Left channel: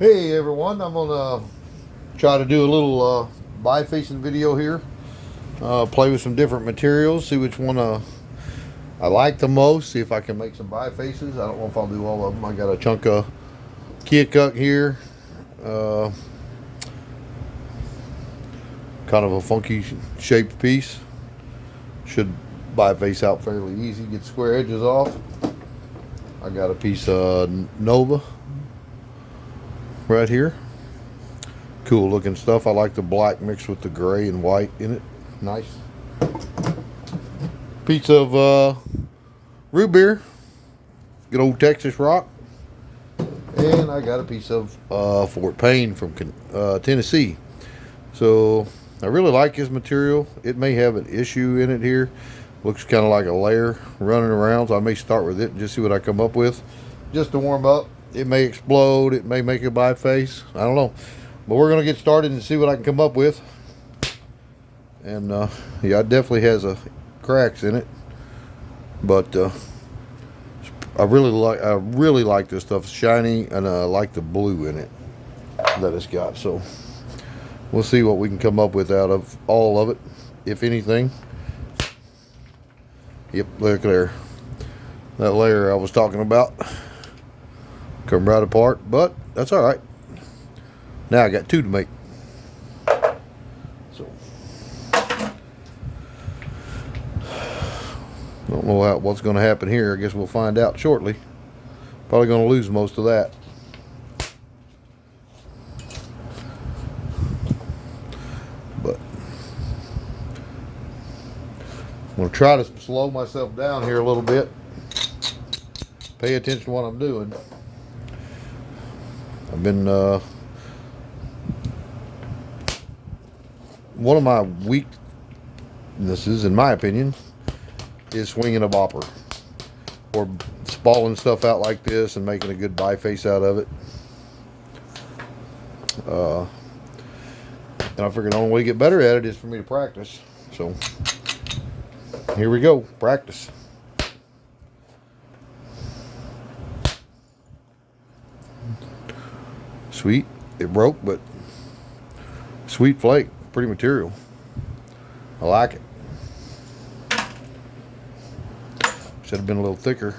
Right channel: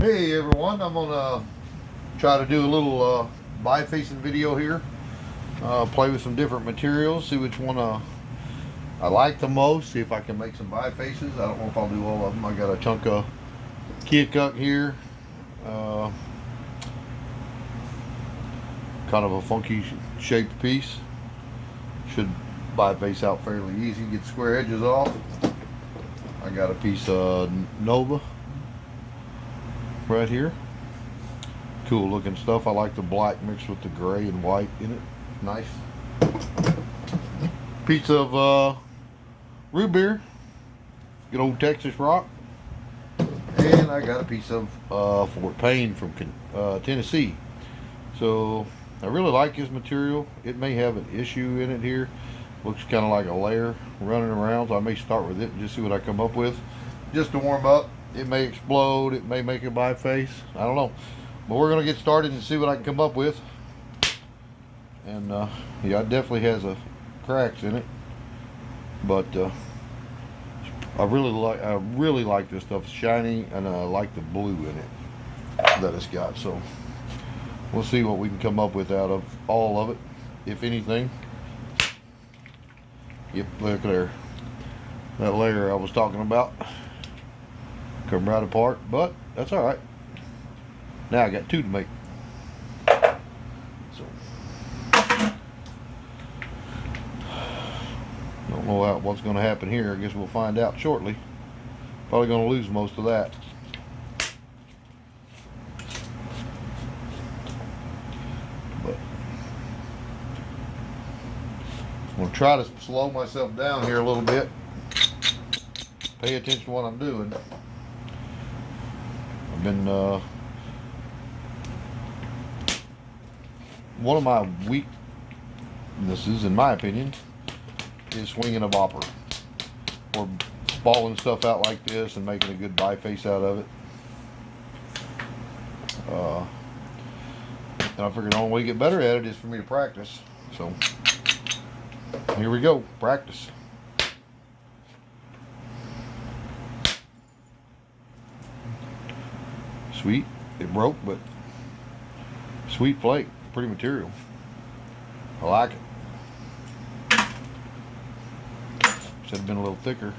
Hey everyone, I'm gonna try to do a little bifacing video here. Play with some different materials, see which one I like the most, see if I can make some bifaces. I don't know if I'll do all of them. I got a chunk of kid cut here. Uh, Kind of a funky shaped piece. Should biface out fairly easy, get square edges off. I got a piece of Nova right here. Cool looking stuff. I like the black mixed with the gray and white in it. Nice. Piece of root beer. Good old Texas rock. And I got a piece of Fort Payne from Tennessee. So I really like this material. It may have an issue in it here. Looks kind of like a layer running around, so I may start with it and just see what I come up with. Just to warm up. It may explode. It may make a biface. I don't know. But we're going to get started and see what I can come up with. And yeah, it definitely has cracks in it. But I really like this stuff. It's shiny, and I like the blue in it that it's got. So we'll see what we can come up with out of all of it, if anything. Yep, look there. That layer I was talking about come right apart, but that's all right. Now I got two to make. So don't know what's going to happen here. I guess we'll find out shortly. Probably going to lose most of that. But I'm going to try to slow myself down here a little bit. Pay attention to what I'm doing. I've been one of my weaknesses, in my opinion, is swinging a bopper or spalling stuff out like this and making a good biface out of it. And I figured the only way to get better at it is for me to practice. So here we go, practice. Sweet, it broke, but sweet flake, pretty material. I like it. Should have been a little thicker.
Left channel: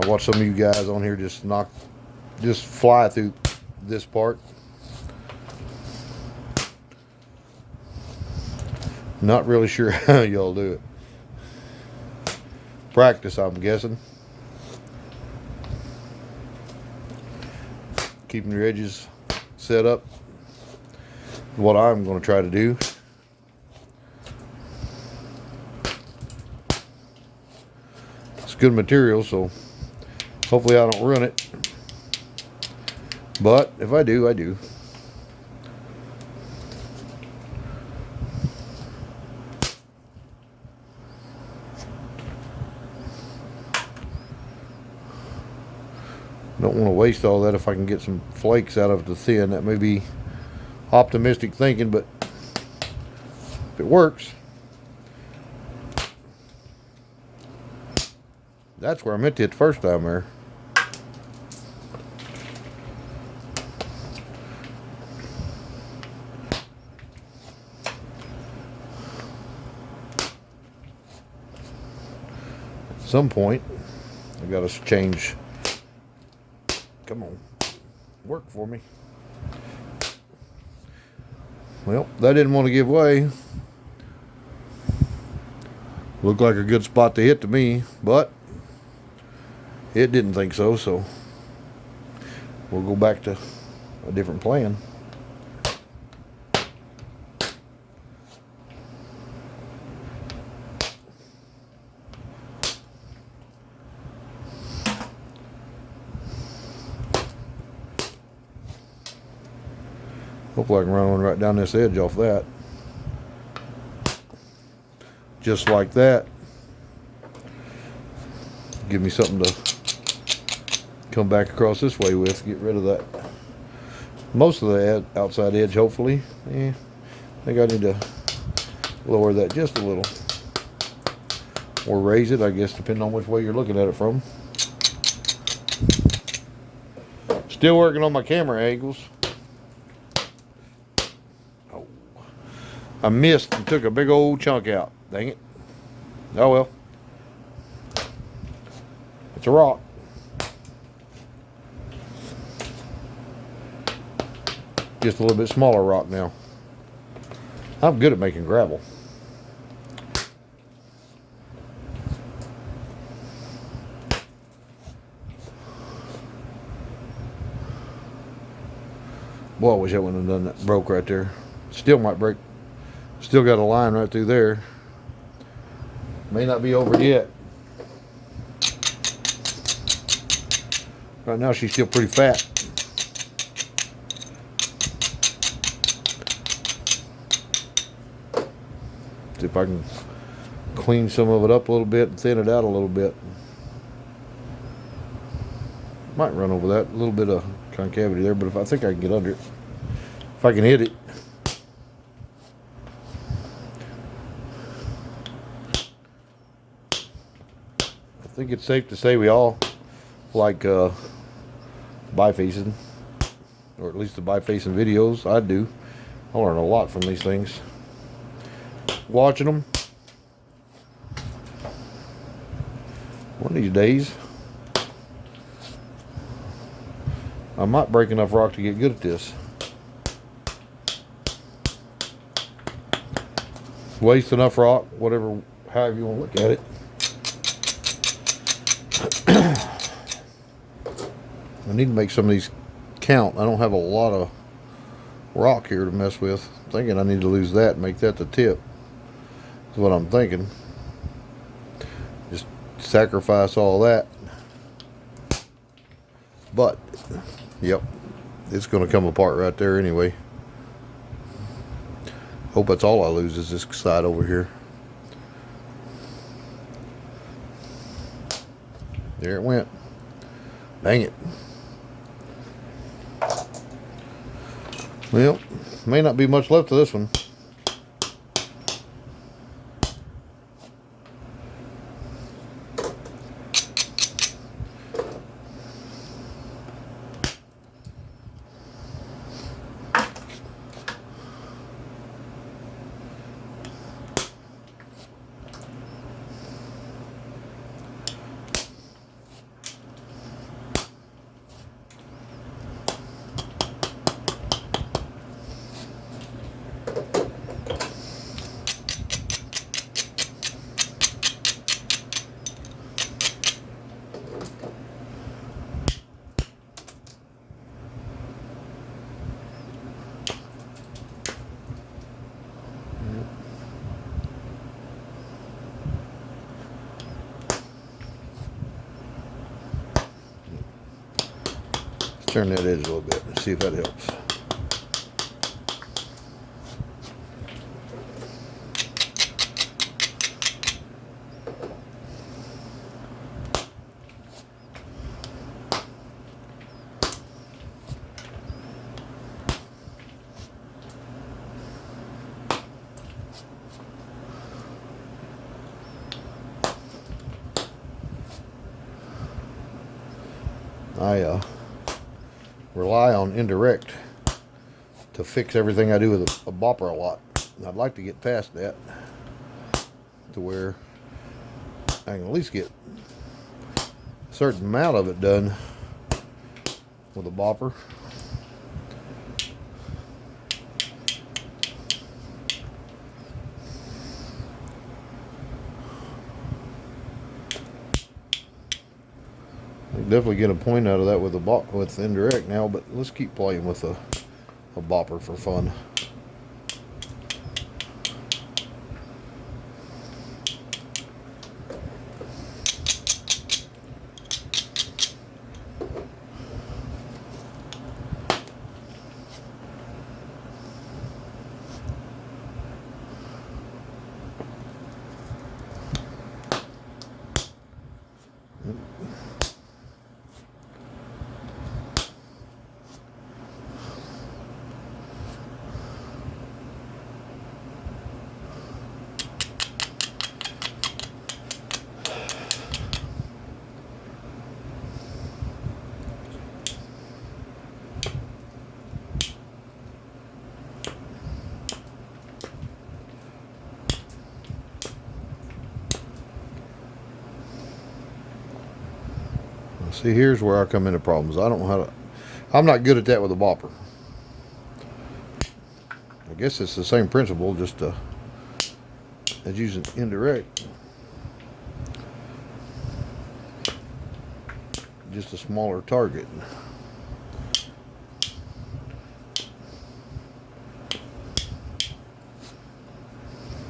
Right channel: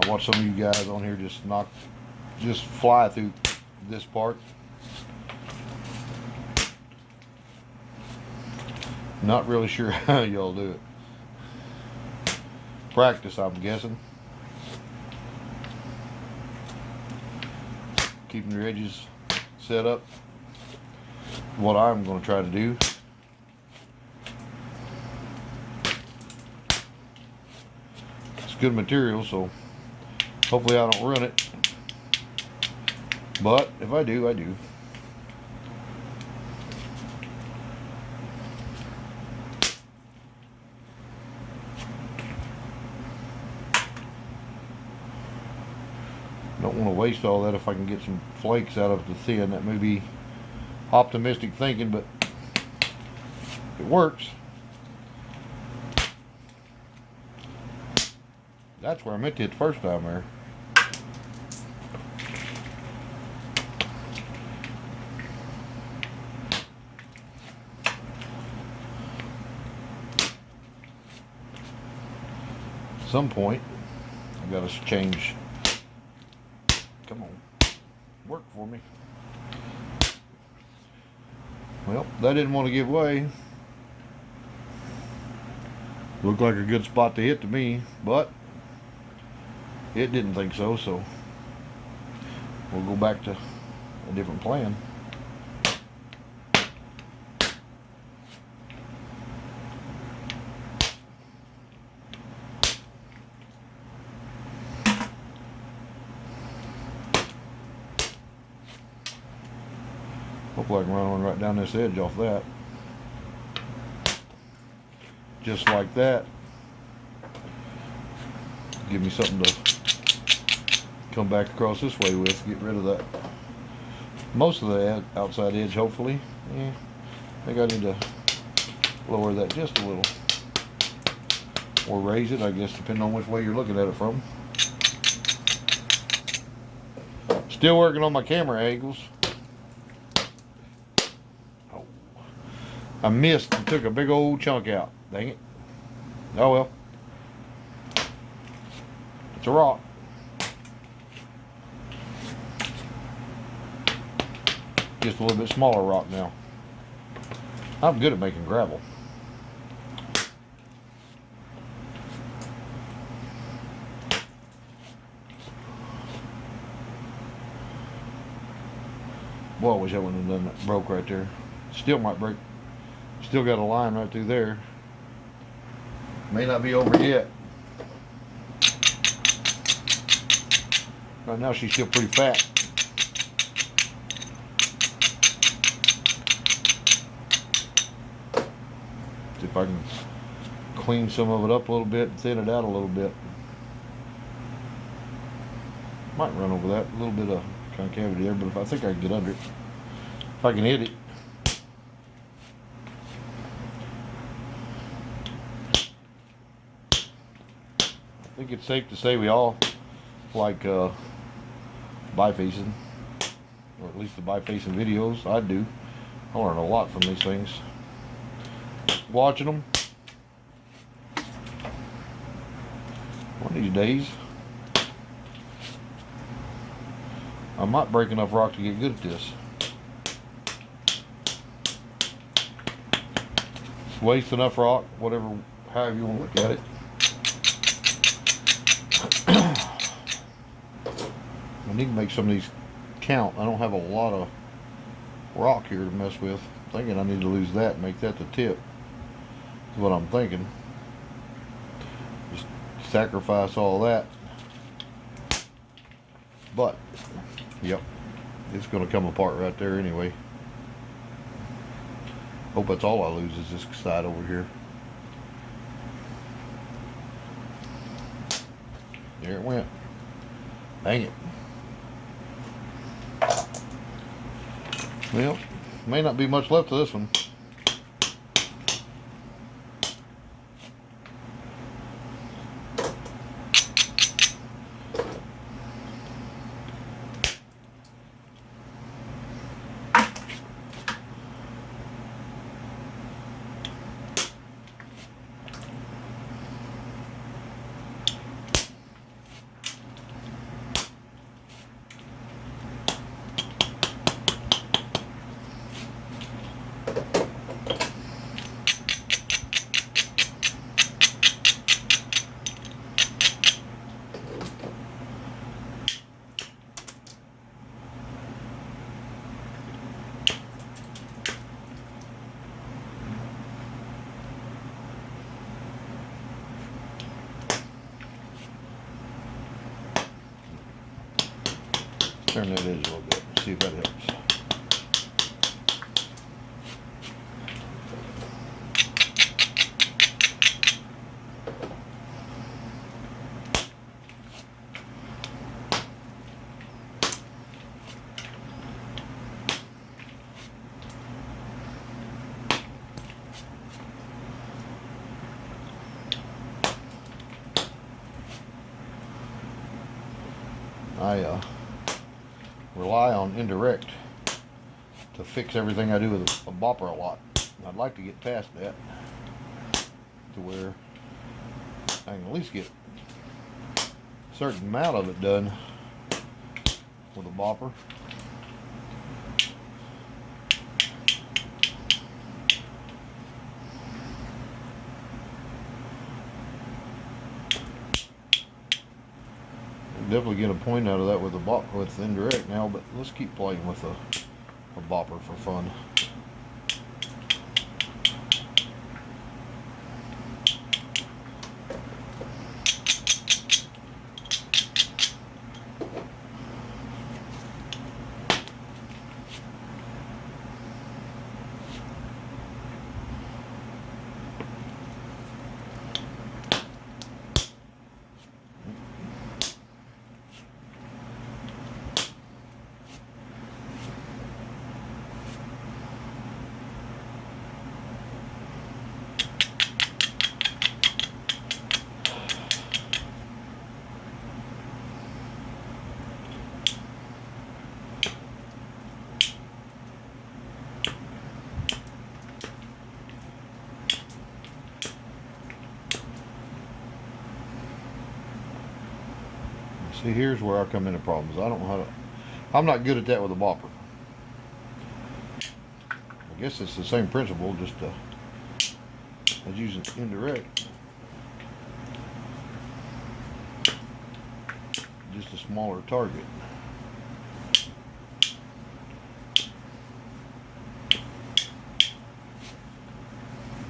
I watched some of you guys on here just fly through this part. Not really sure how y'all do it. Practice, I'm guessing. Keeping your edges set up. What I'm going to try to do. It's good material, so hopefully I don't ruin it. But if I do, I do. Don't want to waste all that if I can get some flakes out of the thin. That may be optimistic thinking, but if it works, that's where I meant to hit the first time there. At some point, I gotta change. Come on, work for me. Well, that didn't want to give way. Looked like a good spot to hit to me, but it didn't think so, so we'll go back to a different plan. Hopefully I can run one right down this edge off that. Just like that. Give me something to come back across this way with. Get rid of that. Most of the outside edge, hopefully. I think I need to lower that just a little. Or raise it, I guess, depending on which way you're looking at it from. Still working on my camera angles. Oh, I missed and took a big old chunk out. Dang it. Oh well. It's a rock. Just a little bit smaller rock now. I'm good at making gravel. Boy, I wish I wouldn't have done that. Broke right there. Still might break. Still got a line right through there. May not be over yet. Right now she's still pretty fat. See if I can clean some of it up a little bit and thin it out a little bit. Might run over that. A little bit of concavity there, but if I think I can get under it. If I can hit it. I think it's safe to say we all like bifacing, or at least the bifacing videos. I do. I learn a lot from these things. Watching them. One of these days, I might break enough rock to get good at this. Waste enough rock, whatever, however you want to look at it. I need to make some of these count. I don't have a lot of rock here to mess with. I'm thinking I need to lose that and make that the tip. That's what I'm thinking. Just sacrifice all that. But, yep, it's going to come apart right there anyway. Hope that's all I lose is this side over here. There it went. Dang it. Well, may not be much left of this one. Turn that edge a little bit and see if that helps. I rely on indirect to fix everything I do with a bopper a lot. I'd like to get past that to where I can at least get a certain amount of it done with a bopper. Definitely get a point out of that with with indirect now, but let's keep playing with a bopper for fun. See, here's where I come into problems. I don't know how to. I'm not good at that with a bopper. I guess it's the same principle, just as using indirect. Just a smaller target.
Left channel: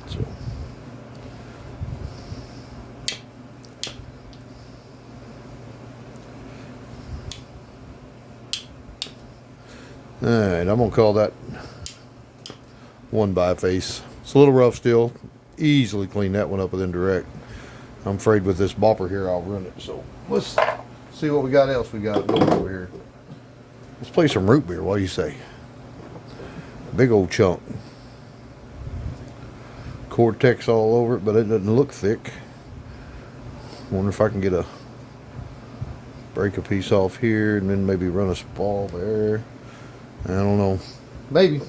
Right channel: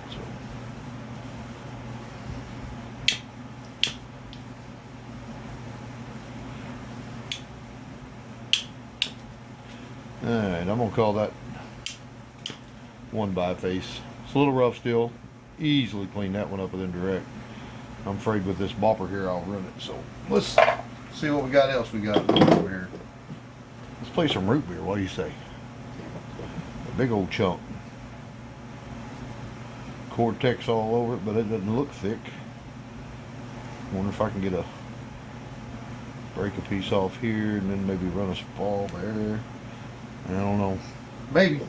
So. Alright, I'm going to call that one biface. It's a little rough still. Easily clean that one up with indirect. I'm afraid with this bopper here I'll ruin it. So let's see what we got else we got over here. Let's play some root beer. What do you say? A big old chunk. Cortex all over it, but it doesn't look thick. Wonder if I can get break a piece off here and then maybe run a spall there. I don't know. Maybe.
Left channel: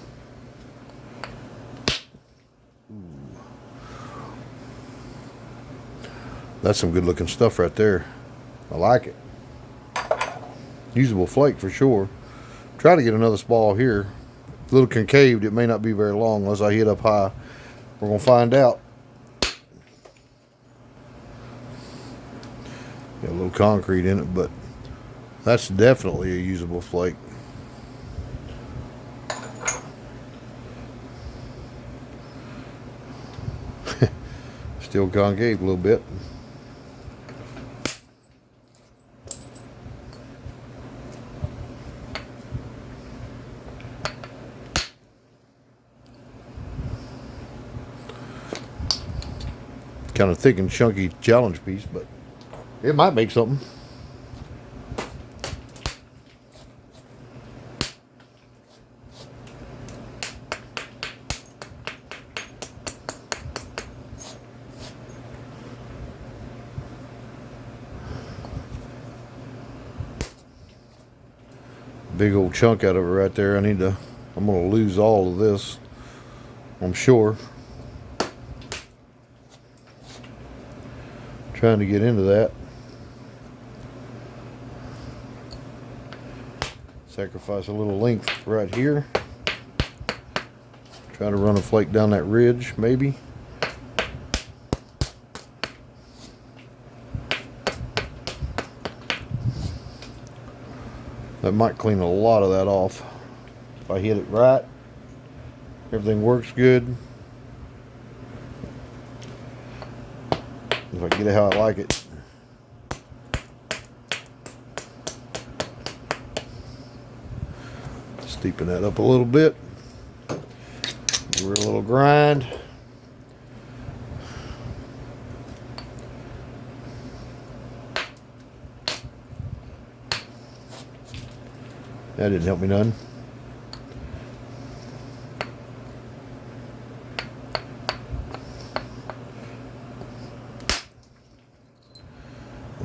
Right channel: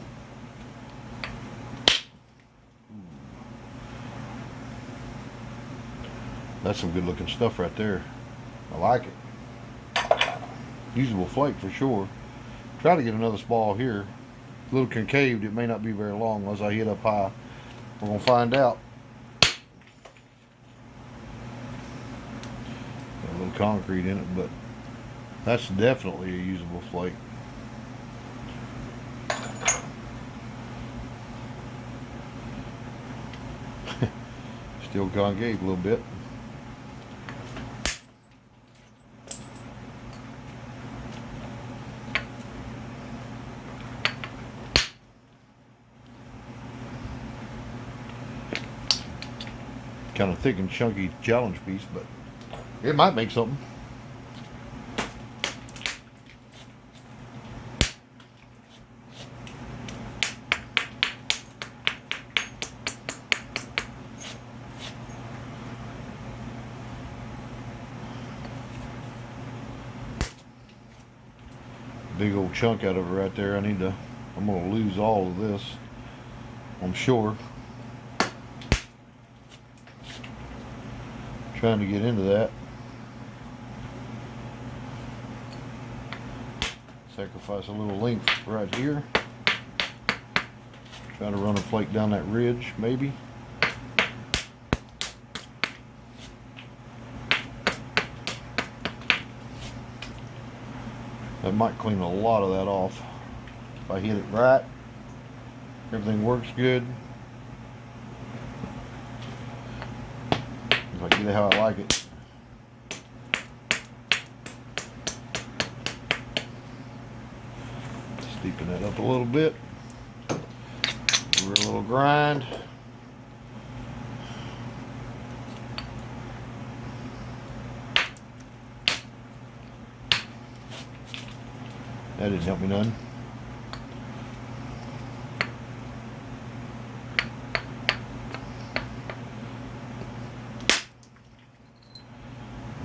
That's some good looking stuff right there. I like it. Usable flake for sure. Try to get another spall here. A little concaved. It may not be very long unless I hit up high. We're going to find out. Got a little concrete in it, but that's definitely a usable flake. Still concave a little bit. Kind of thick and chunky challenge piece, but it might make something. Big old chunk out of it right there. I'm gonna lose all of this, I'm sure. Trying to get into that. Sacrifice a little length right here. Try to run a flake down that ridge, maybe. That might clean a lot of that off. If I hit it right, everything works good. If I get it how I like it. Steepen that up a little bit. Give her a little grind. That didn't help me none.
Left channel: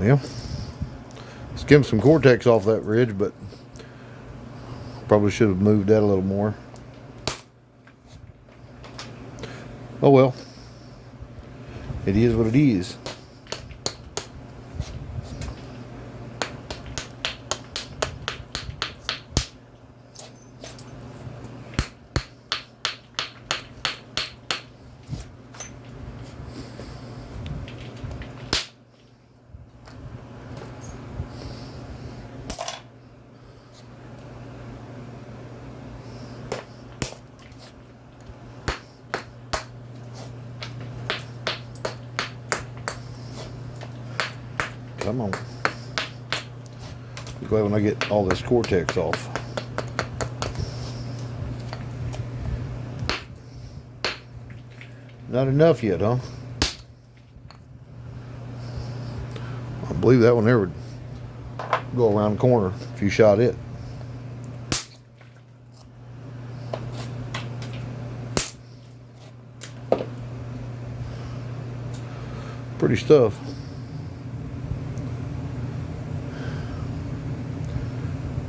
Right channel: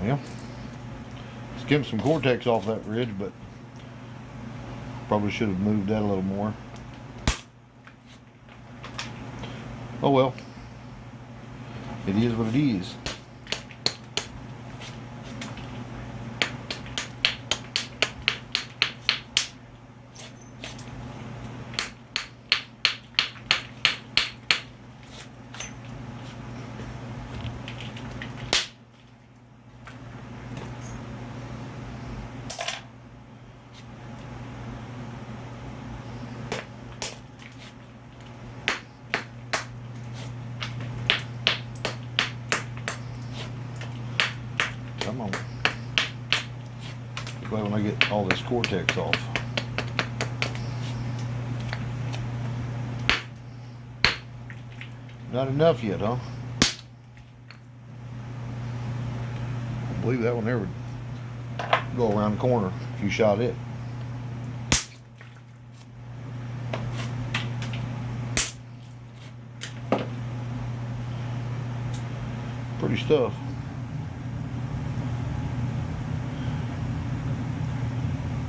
Yeah. Skimmed some Cortex off that ridge, but probably should have moved that a little more. Oh well. It is what it is. Come on. Be glad when I get all this Cortex off. Not enough yet, huh? I believe that one there would go around the corner if you shot it. Pretty stuff.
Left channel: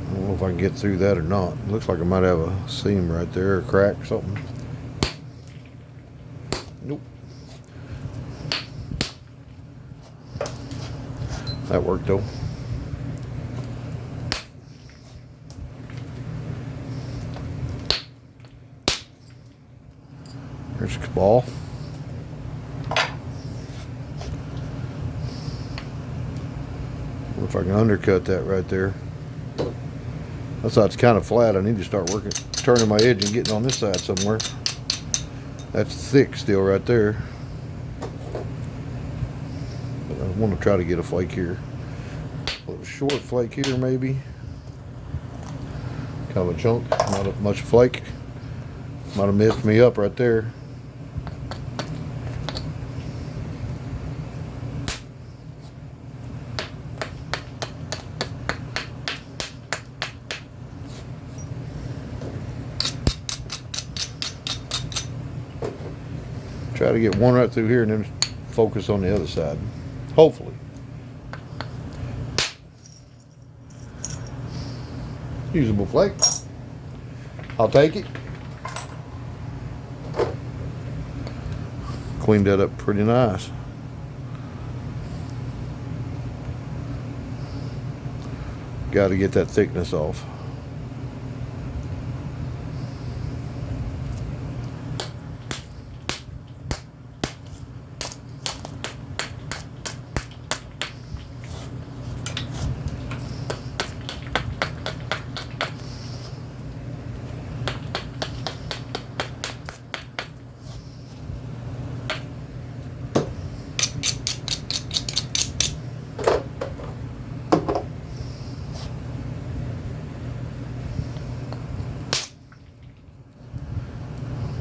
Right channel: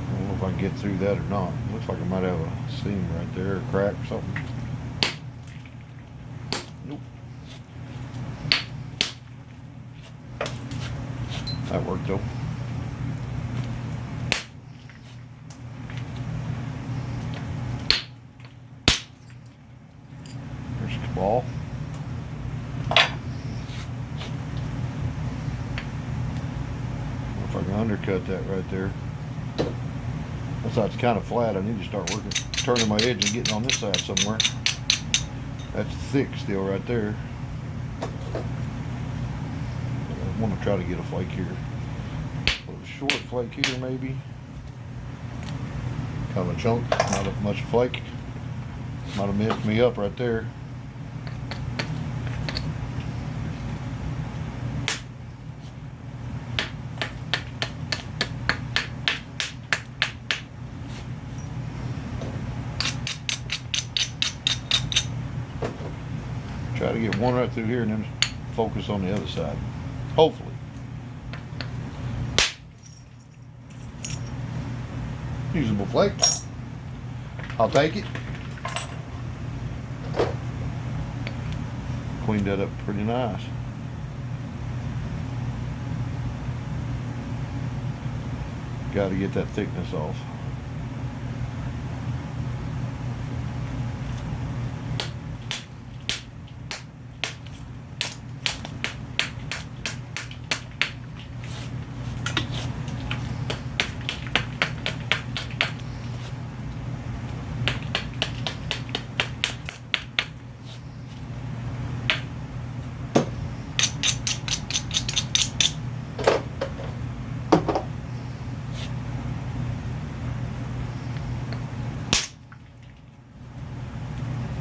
I don't know if I can get through that or not. Looks like I might have a seam right there, a crack or something. Nope. That worked though. ball. If I can undercut that right there. That's how it's kind of flat. I need to start working, turning my edge and getting on this side somewhere. That's thick still right there. But I want to try to get a flake here. A little short flake here maybe. Kind of a chunk, not much flake. Might have messed me up right there. Try to get one right through here and then focus on the other side. Hopefully. Usable flake. I'll take it. Cleaned that up pretty nice. Got to get that thickness off.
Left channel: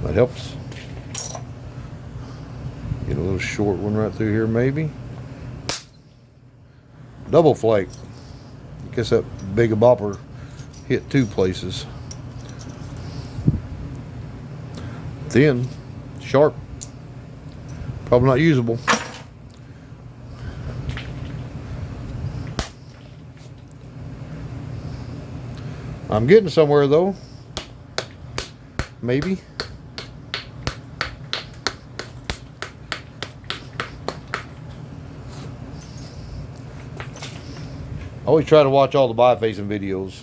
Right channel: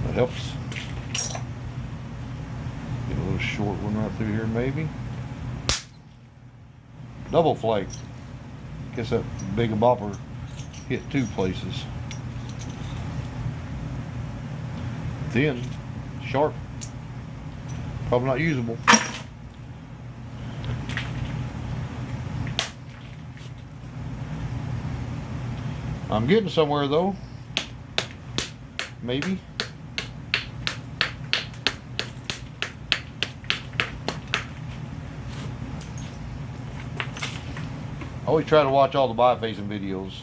That helps. Get a little short one right through here maybe. Double flake. I guess that big bopper hit two places. Thin, sharp, probably not usable. I'm getting somewhere though. Maybe. I always try to watch all the bifacing videos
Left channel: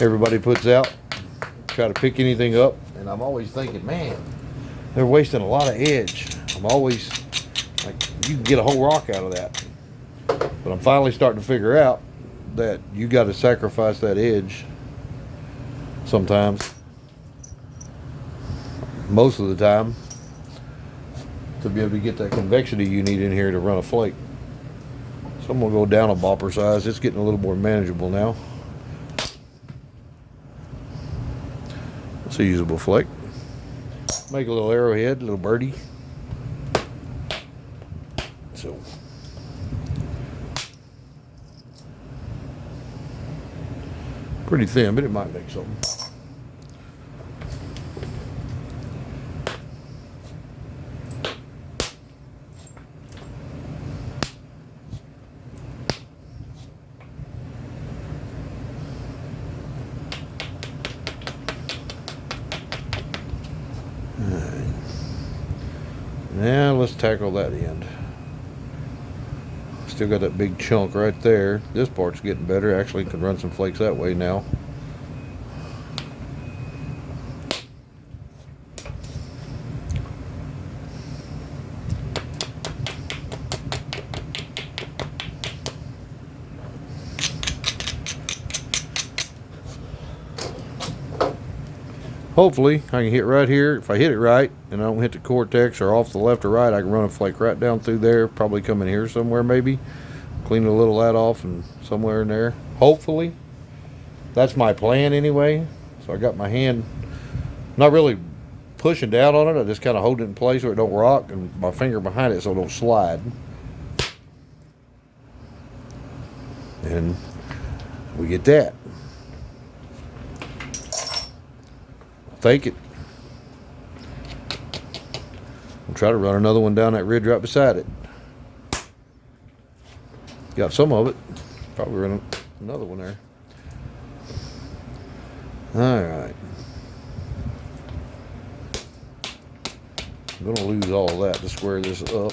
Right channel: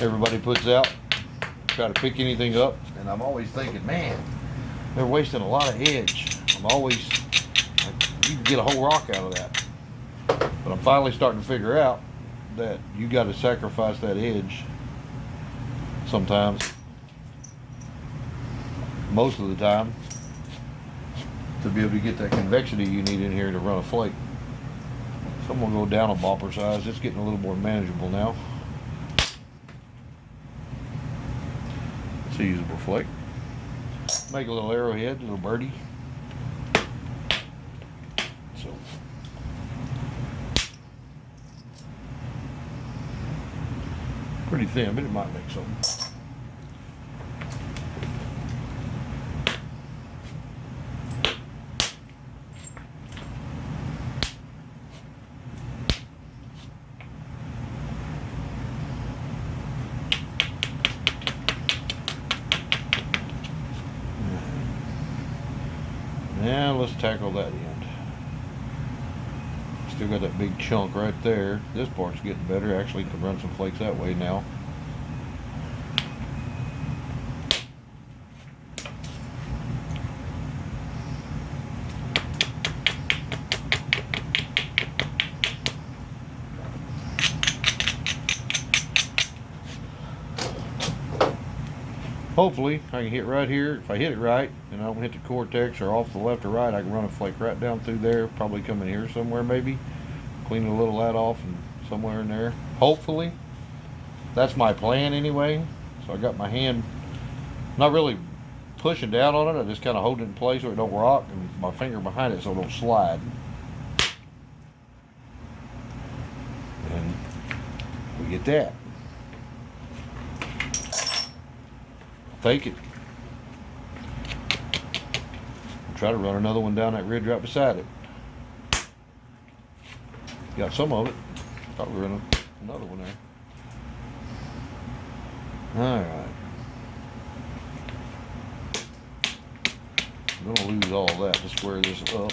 everybody puts out. Try to pick anything up, and I'm always thinking, man, they're wasting a lot of edge. I'm always like, you can get a whole rock out of that. But I'm finally starting to figure out that you got to sacrifice that edge sometimes, most of the time, to be able to get that convexity you need in here to run a flake. So I'm going to go down a bopper size. It's getting a little more manageable now. It's a usable flake. Make a little arrowhead, a little birdie. So pretty thin, but it might make something. Now let's tackle that end. Still got that big chunk right there. This part's getting better. Actually can run some flakes that way now. Hopefully I can hit right here. If I hit it right and I don't hit the cortex or off the left or right, I can run a flake right down through there, probably come in here somewhere maybe. Clean a little of that off and somewhere in there. Hopefully. That's my plan anyway. So I got my hand not really pushing down on it. I just kind of hold it in place so it don't rock, and my finger behind it so it don't slide. And we get that. Take it. I'll try to run another one down that ridge right beside it. Got some of it. Probably run another one there. Alright. I'm gonna lose all that to square this up.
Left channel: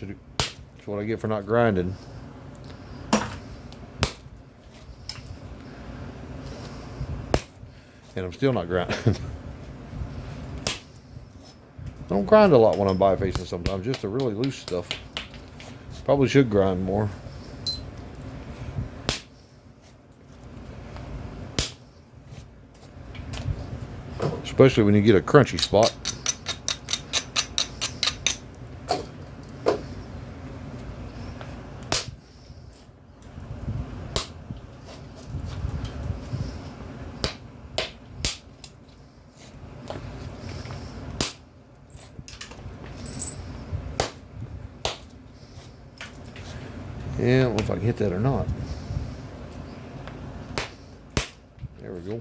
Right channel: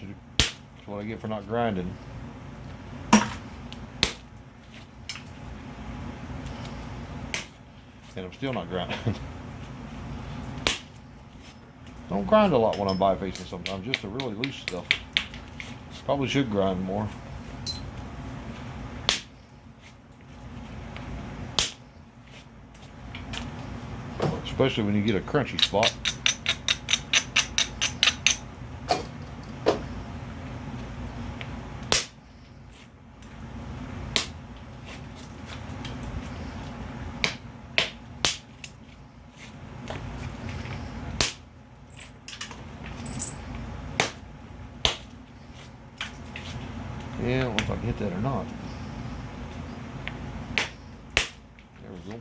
That's what I get for not grinding. And I'm still not grinding. I don't grind a lot when I'm bifacing sometimes, just the really loose stuff. Probably should grind more. Especially when you get a crunchy spot. Yeah, I don't know if I can hit that or not. There we go.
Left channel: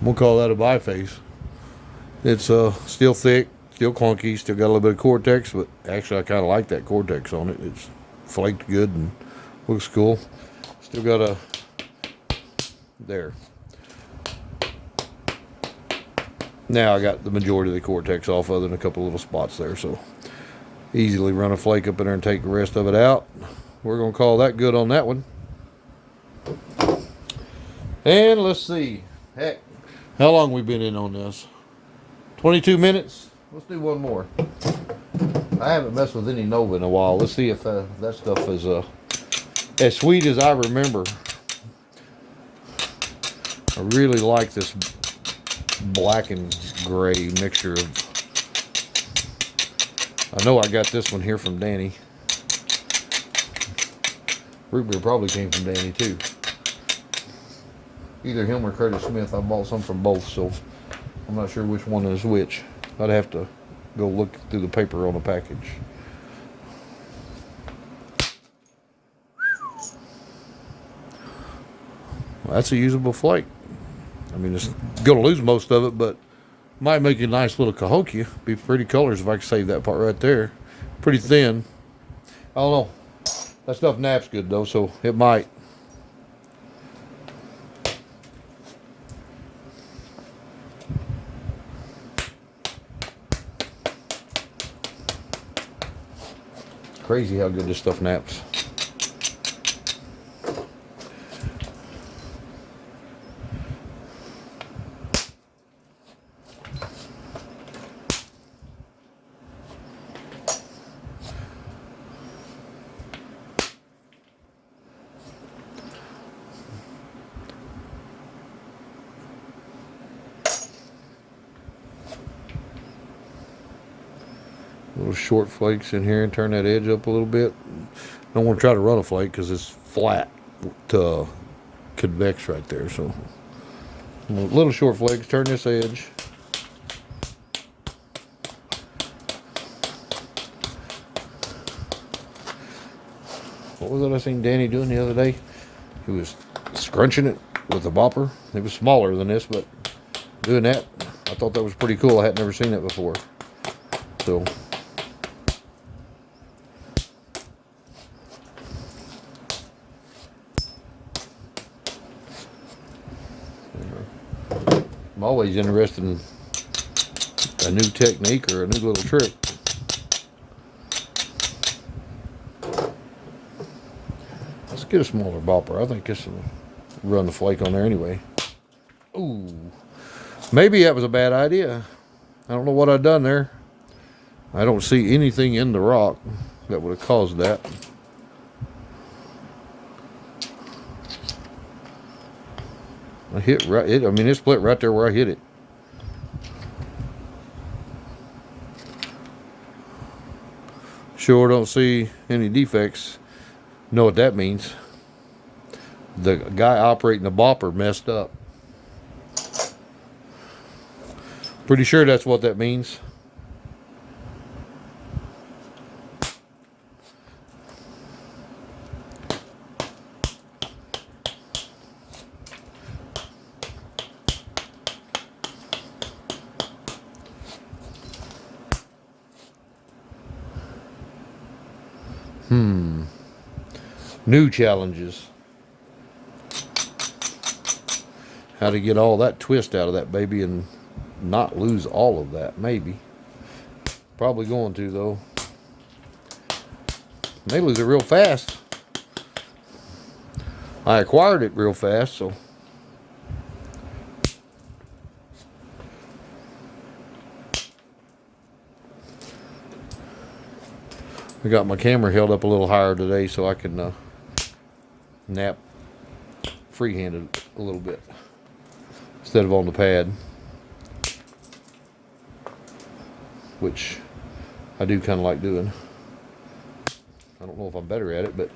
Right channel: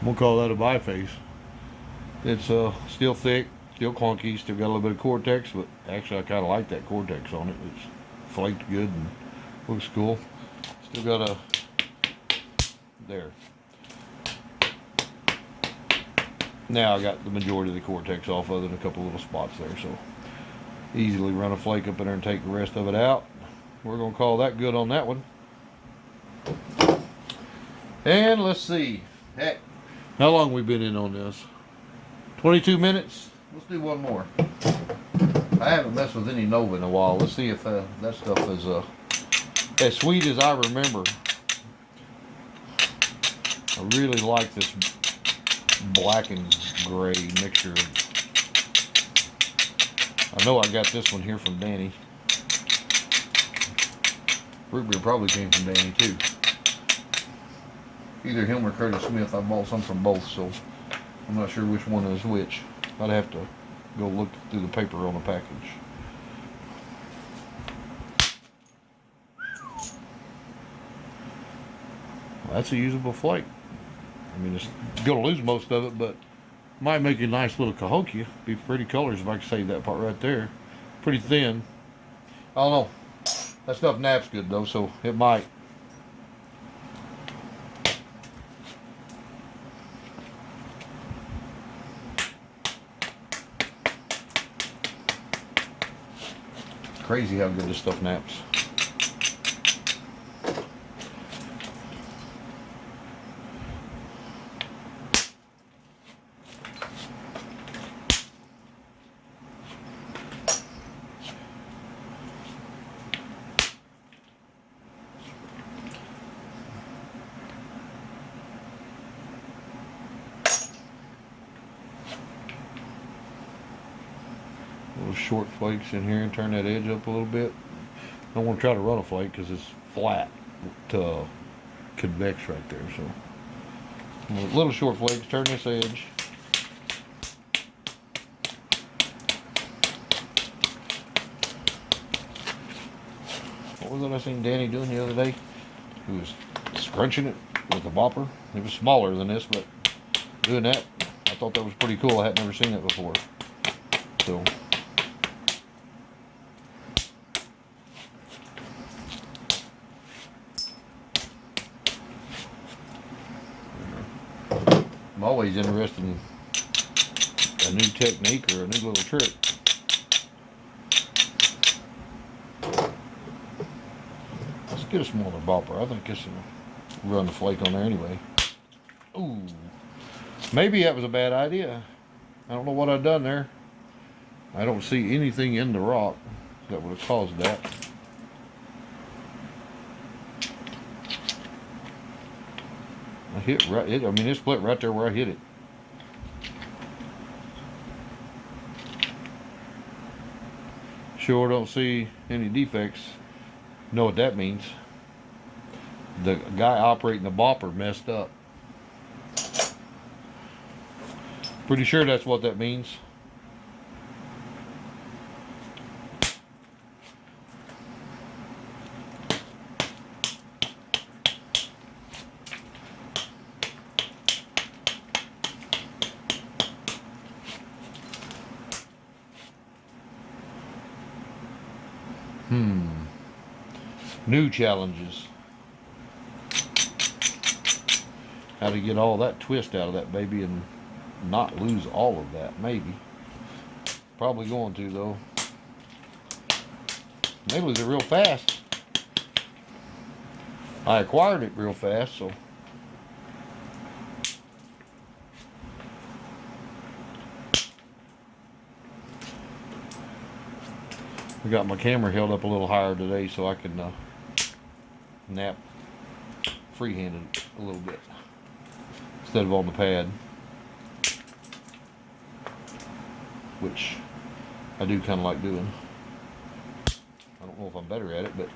I'm gonna call that a biface. It's still thick, still clunky, still got a little bit of Cortex, but actually I kind of like that Cortex on it. It's flaked good and looks cool. Still got a there. Now I got the majority of the Cortex off, other than a couple little spots there, so easily run a flake up in there and take the rest of it out. We're gonna call that good on that one. And let's see. Heck, how long we been in on this? 22 minutes? Let's do one more. I haven't messed with any Nova in a while. Let's see if that stuff is as sweet as I remember. I really like this black and gray mixture of. I know I got this one here from Danny. Root beer probably came from Danny too. Either him or Curtis Smith. I bought some from both, so I'm not sure which one is which. I'd have to go look through the paper on the package. Well, that's a usable flake. I mean, it's gonna lose most of it, but might make a nice little Cahokia. Be pretty colors if I could save that part right there. Pretty thin. I don't know. That stuff naps good though, so it might. Crazy how good this stuff naps. Little short flakes in here and turn that edge up a little bit. Don't want to try to run a flake because it's flat to convex right there. So little short flakes, turn this edge. What was it I seen Danny doing the other day? He was scrunching it with a bopper. It was smaller than this, but doing that, I thought that was pretty cool. I had never seen that before. So I'm always interested in a new technique or a new little trick. Let's get a smaller bopper. I think this will run the flake on there anyway. Ooh, maybe that was a bad idea. I don't know what I've done there. I don't see anything in the rock that would have caused that. I hit right. I mean, it split right there where I hit it. Sure don't see any defects. Know what that means? The guy operating the bopper messed up. Pretty sure that's what that means. New challenges. How to get all that twist out of that baby and not lose all of that, maybe. Probably going to, though. May lose it real fast. I acquired it real fast, so. I got my camera held up a little higher today so I can nap free-handed a little bit instead of on the pad, which I do kind of like doing. I don't know if I'm better at it, but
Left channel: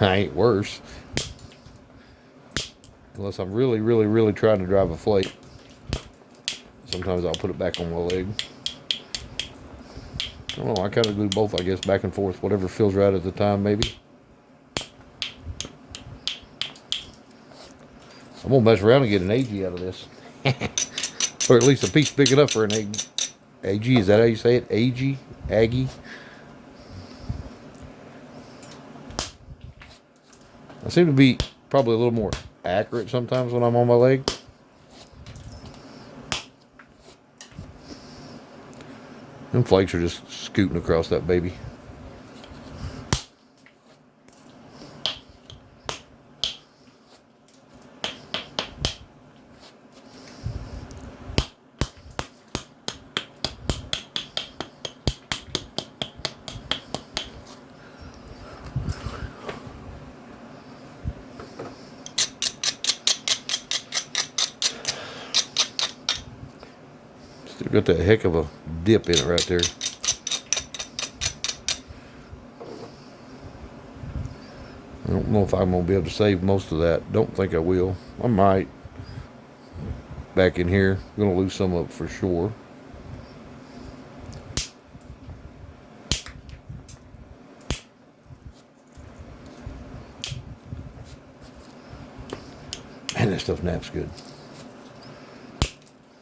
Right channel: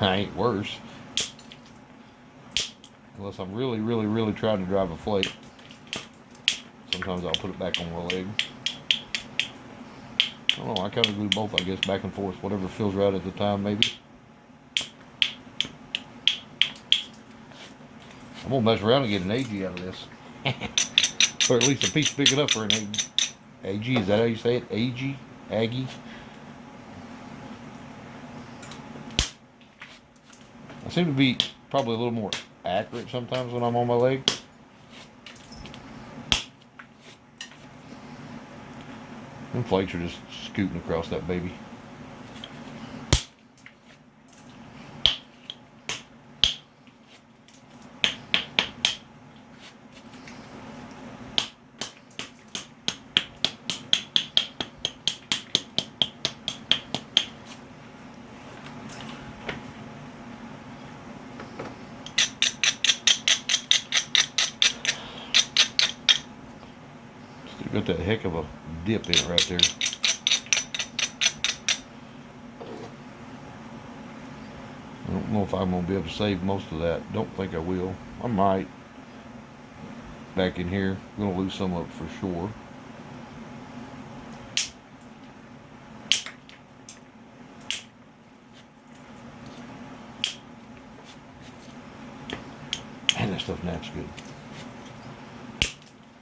I ain't worse. Unless I'm really, really, really trying to drive a flake. Sometimes I'll put it back on my leg. I don't know, I kind of do both, I guess, back and forth. Whatever feels right at the time, maybe. I'm going to mess around and get an AG out of this. Or at least a piece big enough for an AG. AG, is that how you say it? AG? Aggie? I seem to be probably a little more accurate sometimes when I'm on my leg. Them flakes are just scooting across that baby. Still got that heck of a dip in it right there. I don't know if I'm going to be able to save most of that. Don't think I will. I might. Back in here. I'm going to lose some of it for sure. Man, that stuff naps good.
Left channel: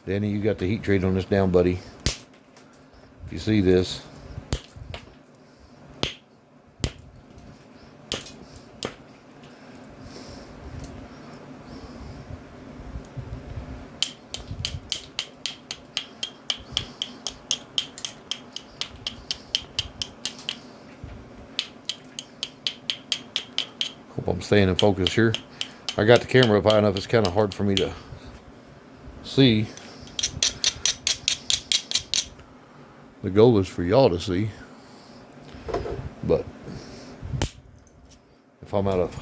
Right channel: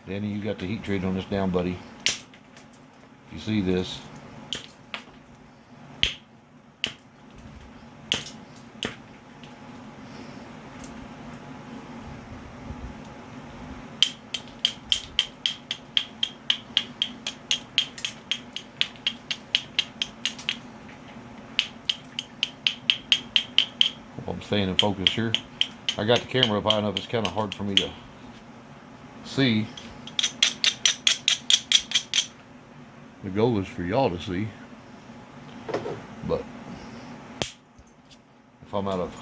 Danny, you got the heat treat on this down, buddy. If you see this. Hope I'm staying in focus here. I got the camera up high enough, it's kind of hard for me to see. The goal is for y'all to see, but if I'm out of,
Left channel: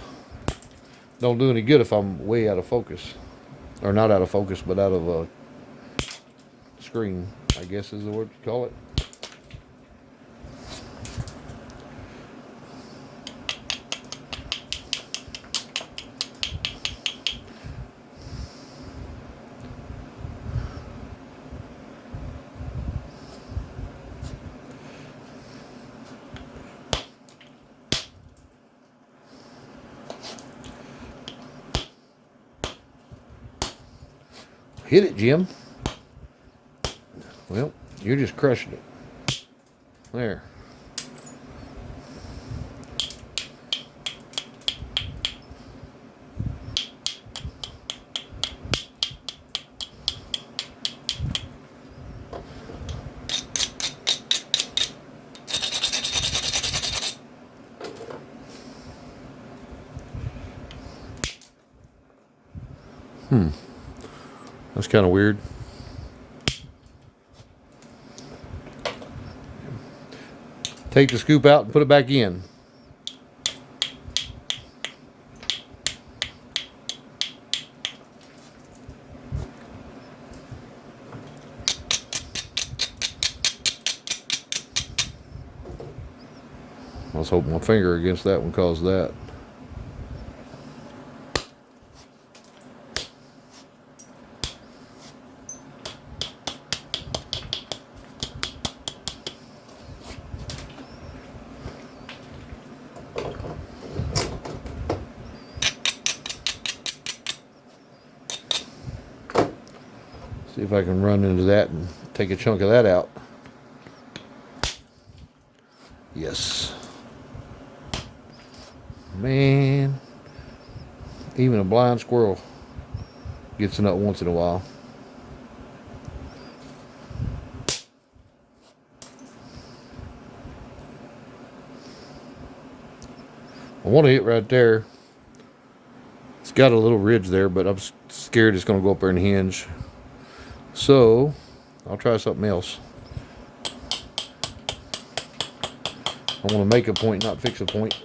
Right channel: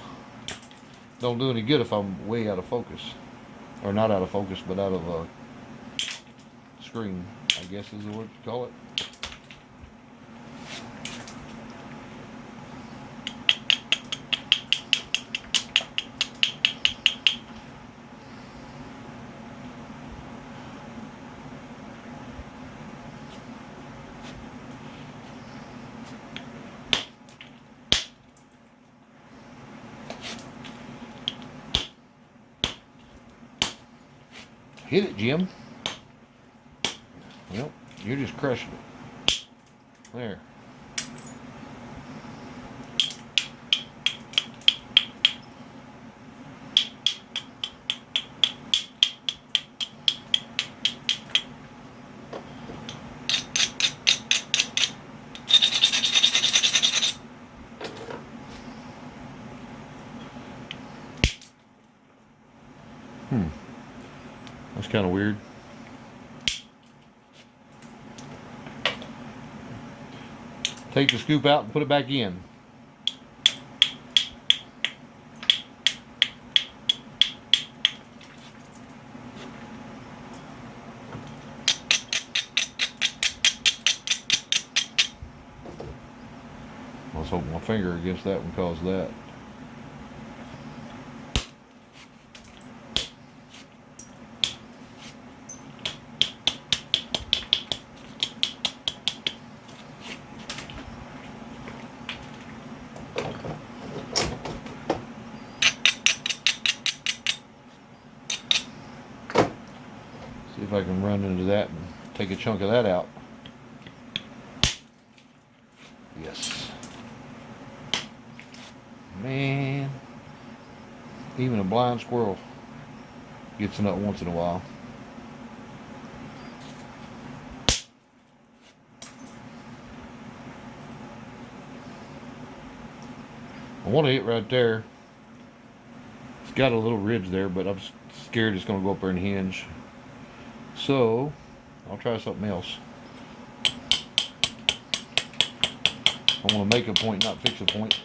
don't do any good if I'm way out of focus, or not out of focus, but out of a screen, I guess is the word you call it. Hit it, Jim. Well, you're just crushing it. There. That's kind of weird. Take the scoop out and put it back in. I was hoping my finger against that one caused that. See if I can run into that and take a chunk of that out. Yes. Man, even a blind squirrel gets a nut once in a while. I want to hit right there. It's got a little ridge there, but I'm scared it's going to go up there and hinge. So, I'll try something else. I want to make a point, not fix a point.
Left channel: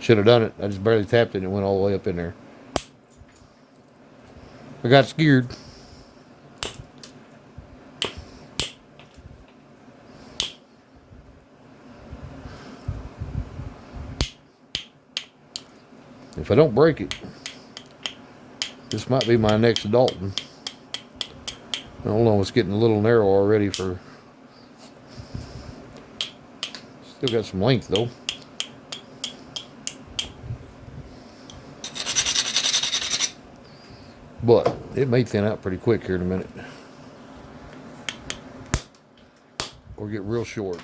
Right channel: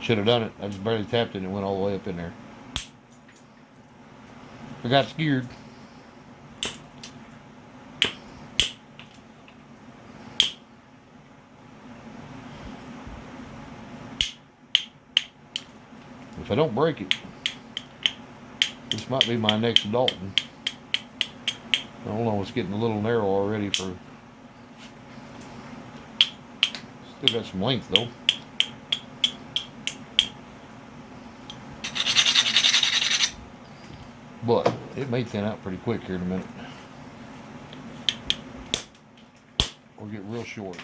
Should have done it. I just barely tapped it and it went all the way up in there. I got scared. If I don't break it, this might be my next Dalton. Hold on, it's getting a little narrow already for... Still got some length though. But it may thin out pretty quick here in a minute. Or get real short.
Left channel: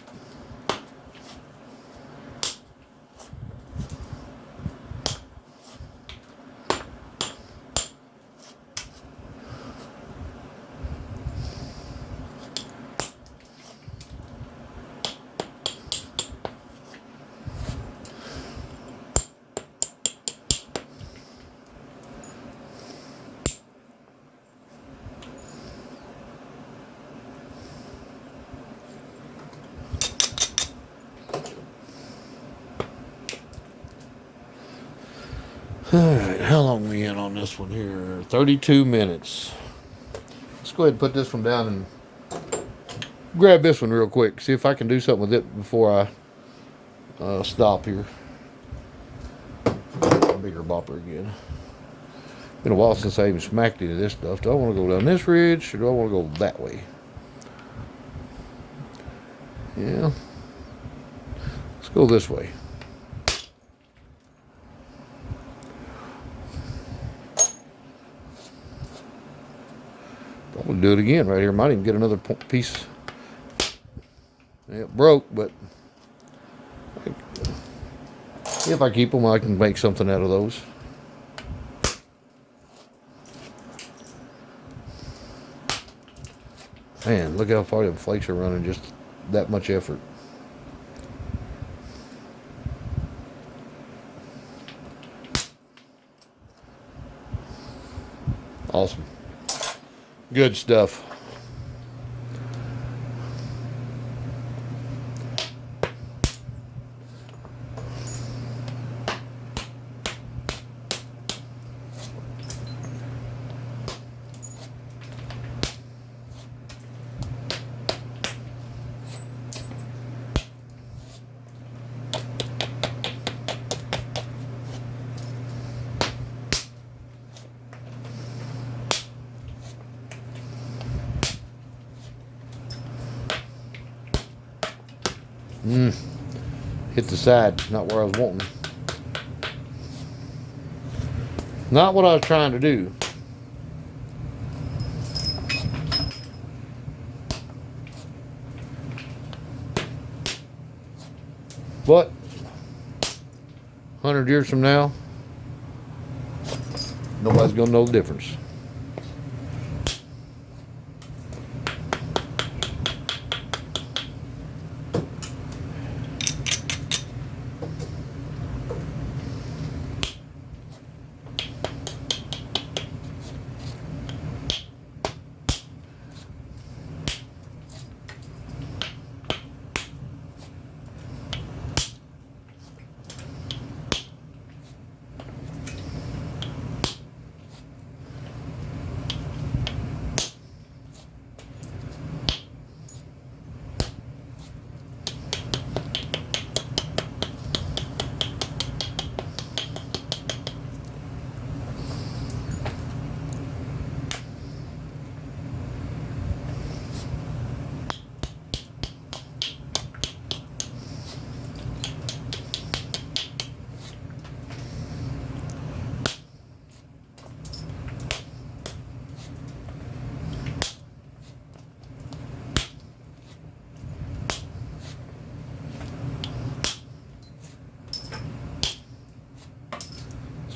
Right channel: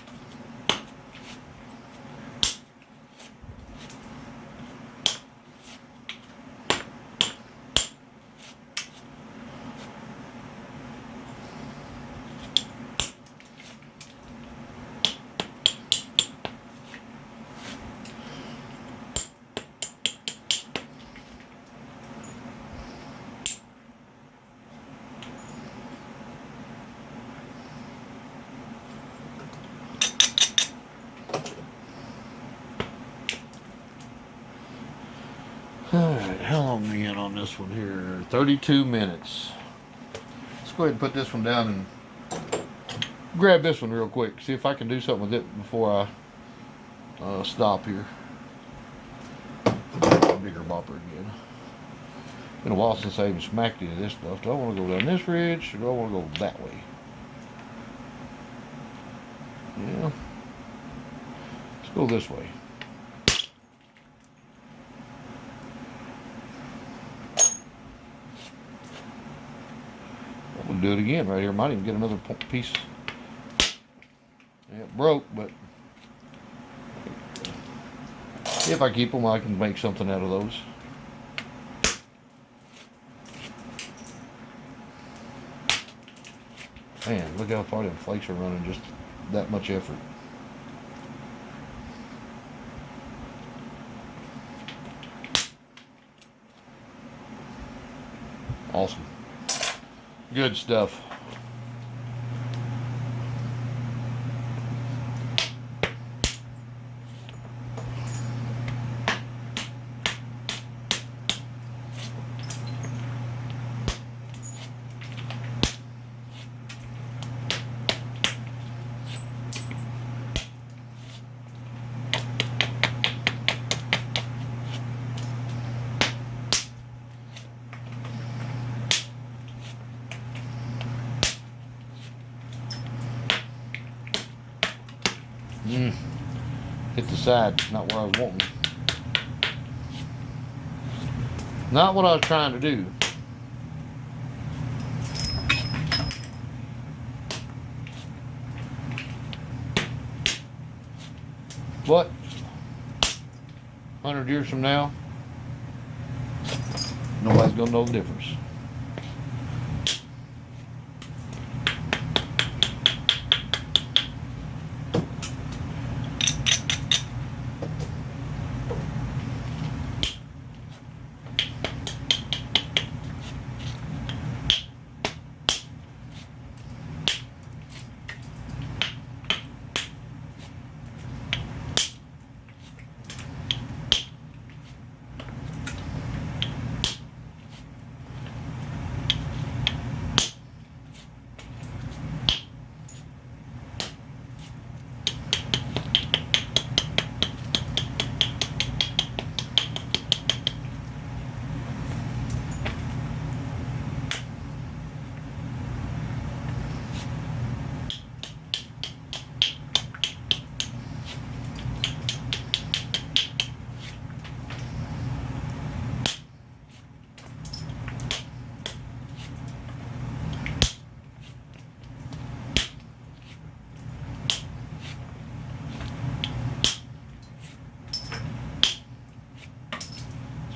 Alright, how long are we in on this one here? 32 minutes. Let's go ahead and put this one down and grab this one real quick. See if I can do something with it before I stop here. Bigger bopper again. Been a while since I even smacked into this stuff. Do I want to go down this ridge or do I want to go that way? Yeah. Let's go this way. We'll do it again right here. Might even get another piece. It broke, but if I keep them, I can make something out of those. Man, look how far them flakes are running. Just that much effort. Awesome. Good stuff. Hit the side, not where I was wanting. Not what I was trying to do. But 100 years from now, nobody's gonna know the difference.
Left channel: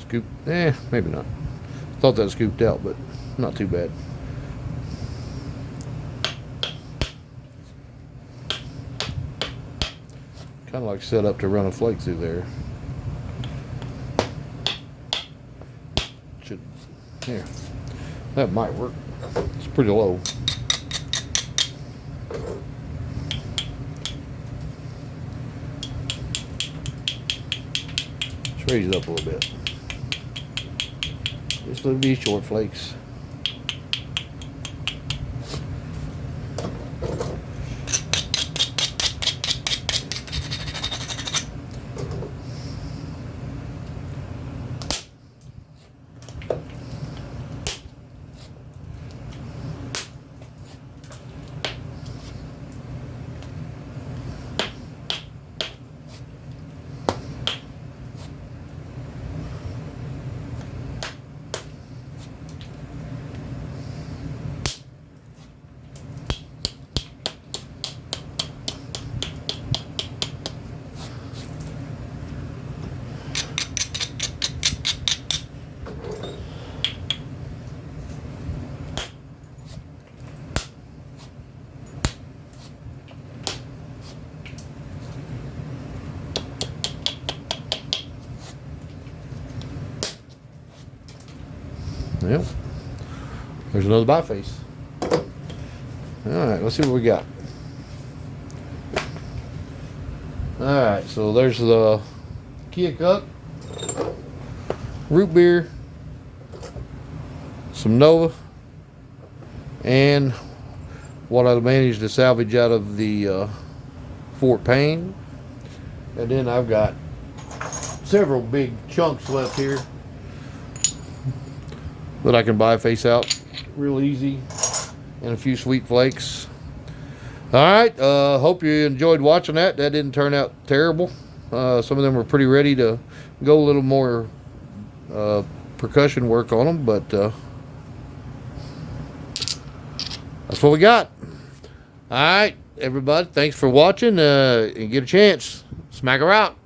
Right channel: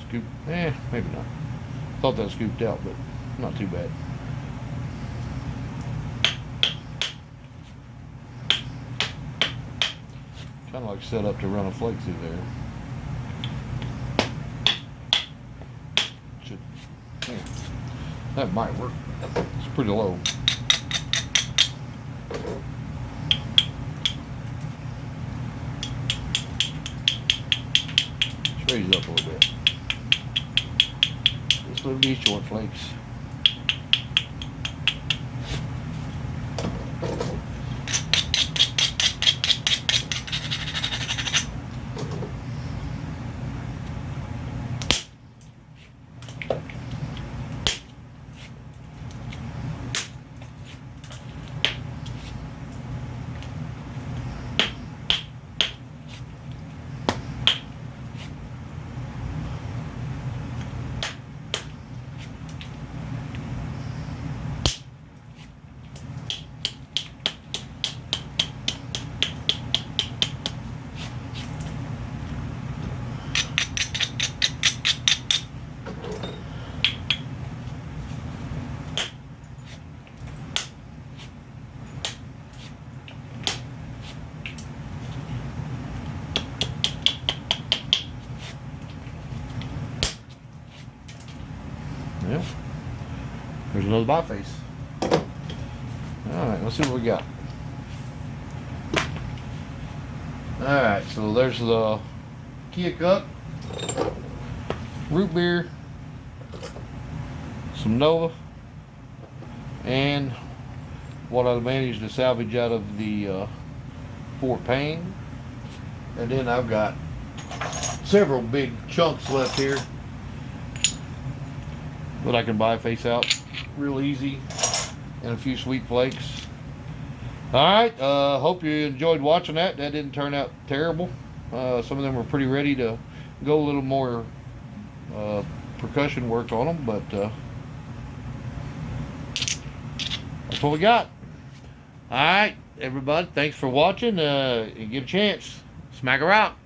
scoop. Maybe not. Thought that was scooped out, but not too bad. Kind of like set up to run a flake through there. Yeah, that might work. It's pretty low. Let's raise it up a little bit. This will be short flakes. Yep. There's another biface. Alright, let's see what we got. Alright, so there's the Kia Cup, root beer, some Nova, and what I managed to salvage out of the Fort Payne. And then I've got several big chunks left here that I can biface out real easy, and a few sweet flakes. Alright, hope you enjoyed watching that. That didn't turn out terrible. Some of them were pretty ready to go a little more percussion work on them, but that's what we got. Alright, everybody, thanks for watching, and get a chance, smack her out.